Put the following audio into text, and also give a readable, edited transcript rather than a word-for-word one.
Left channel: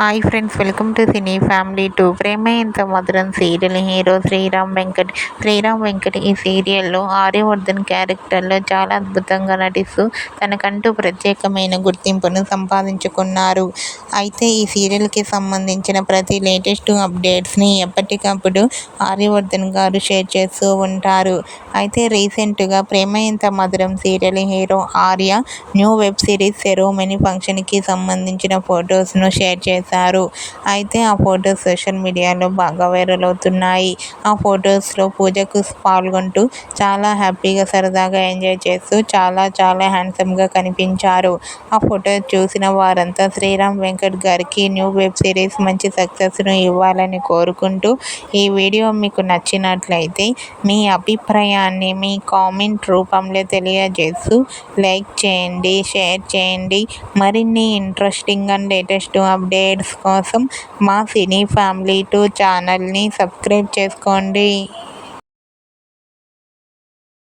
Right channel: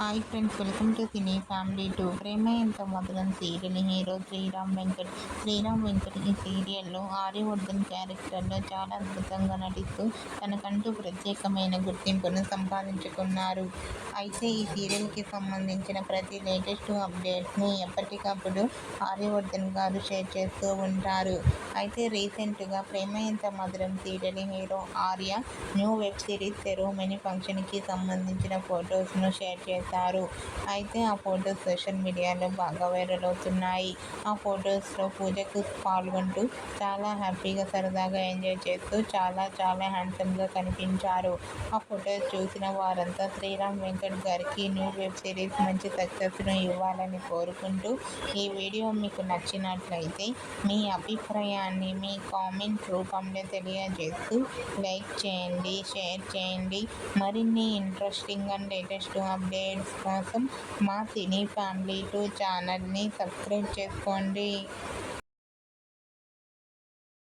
Hi friends, welcome to cine family 2. Prema Entha Madhuram serial hero Sriram Venkat. ఈ సీరియల్లో ఆర్యవర్ధన్ క్యారెక్టర్లో చాలా అద్భుతంగా నటిస్తూ తనకంటూ ప్రత్యేకమైన గుర్తింపును సంపాదించుకున్నారు. అయితే ఈ సీరియల్కి సంబంధించిన ప్రతి లేటెస్ట్ అప్డేట్స్ని ఎప్పటికప్పుడు ఆర్యవర్ధన్ గారు షేర్ చేస్తూ ఉంటారు. అయితే రీసెంట్గా Prema Entha Madhuram serial hero Arya new web series ceremony ఫంక్షన్కి సంబంధించిన ఫొటోస్ను షేర్ చేశారు. అయితే ఆ ఫొటోస్ సోషల్ మీడియాలో బాగా వైరల్ అవుతున్నాయి. ఆ ఫొటోస్లో పూజకు పాల్గొంటూ చాలా హ్యాపీగా సరదాగా ఎంజాయ్ చేస్తూ చాలా హ్యాండ్సమ్గా కనిపించారు. ఆ ఫోటో చూసిన వారంతా శ్రీరామ్ వెంకట్ గారికి న్యూ వెబ్ సిరీస్ మంచి సక్సెస్ను ఇవ్వాలని కోరుకుంటూ, ఈ వీడియో మీకు నచ్చినట్లయితే మీ అభిప్రాయాన్ని మీ కామెంట్ రూపంలో తెలియజేస్తూ లైక్ చేయండి, షేర్ చేయండి. మరిన్ని ఇంట్రెస్టింగ్ అండ్ లేటెస్ట్ అప్డేట్స్ కోసం మా సినీ ఫ్యామిలీ 2 ఛానల్ని సబ్స్క్రైబ్ చేసుకోండి.